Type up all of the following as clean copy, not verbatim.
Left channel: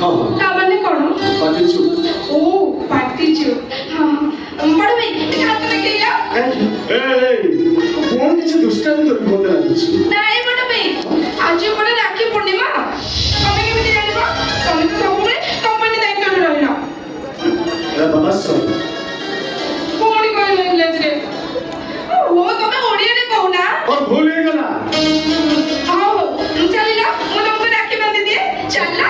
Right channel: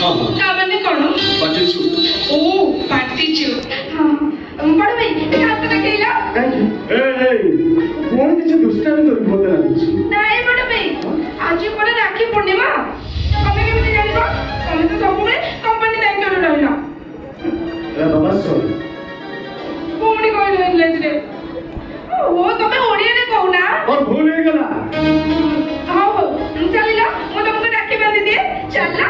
हाँ। ତା ମାନେ କ'ଣ? पार्टी शूट ଓ ପାର୍ଟି ଚୁଟ୍। ହଁ ବଡ଼ ଭାଇ ଟିକେ ହାତ ଦେଖେଇଲ। कौन किसी दुष्टामी कर मत लाଗୁଛି ନାଇଁ ବଡ଼ ଭାଇ ଆଜି ପରା ରାକ୍ଷୀ ପୂର୍ଣ୍ଣିମା। ତମେ କେମିତି ଜାଣିବ? ତମେ ତ ସବୁବେଳେ କମ୍ପାନୀ ଦାୟିତ୍ୱରେ ରହିଲ। ଏ ବାବା ସର ପୁଣି କହିଲ ଇଂଲିଶରେ। ଓ ତମେ ଓଡ଼ିଆରେ କହୁନା। और भूल ही गला ହଉ ହଉ ଚାଲିଲ ମୁଁ ତମକୁ ରାକ୍ଷୀ ବାନ୍ଧି ଦିଏ ଚାଲ।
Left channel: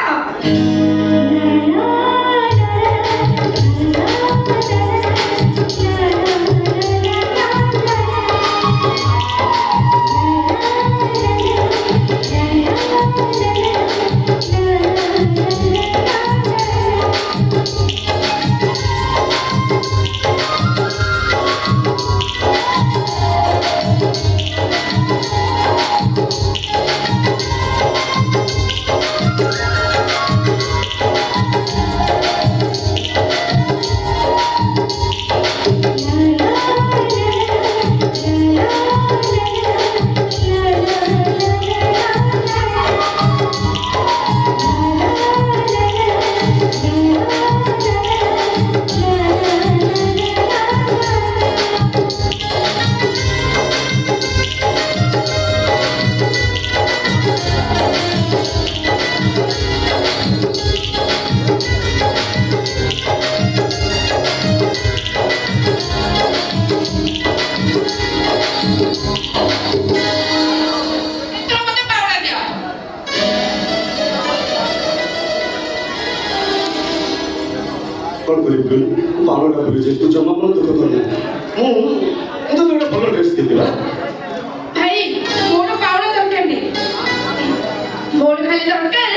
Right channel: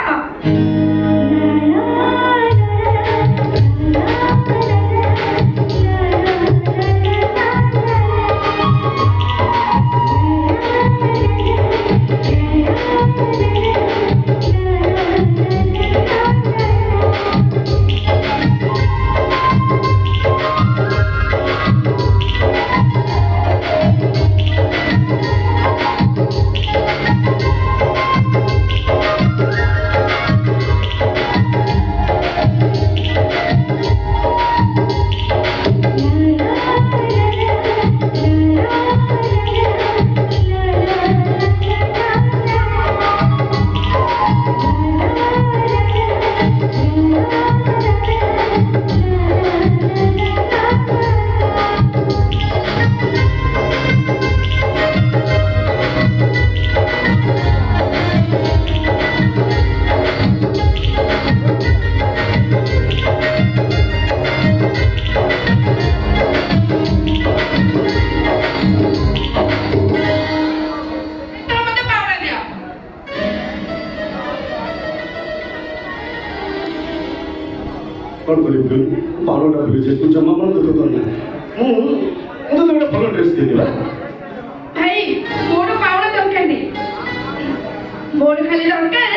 कौन करी पावड़ा भूल जाए तू जमा मन दुख करना तो गोटे भल ड्रेस देबी भाई मोर पावड़ा दरकार नहीं मोर खाली दरकार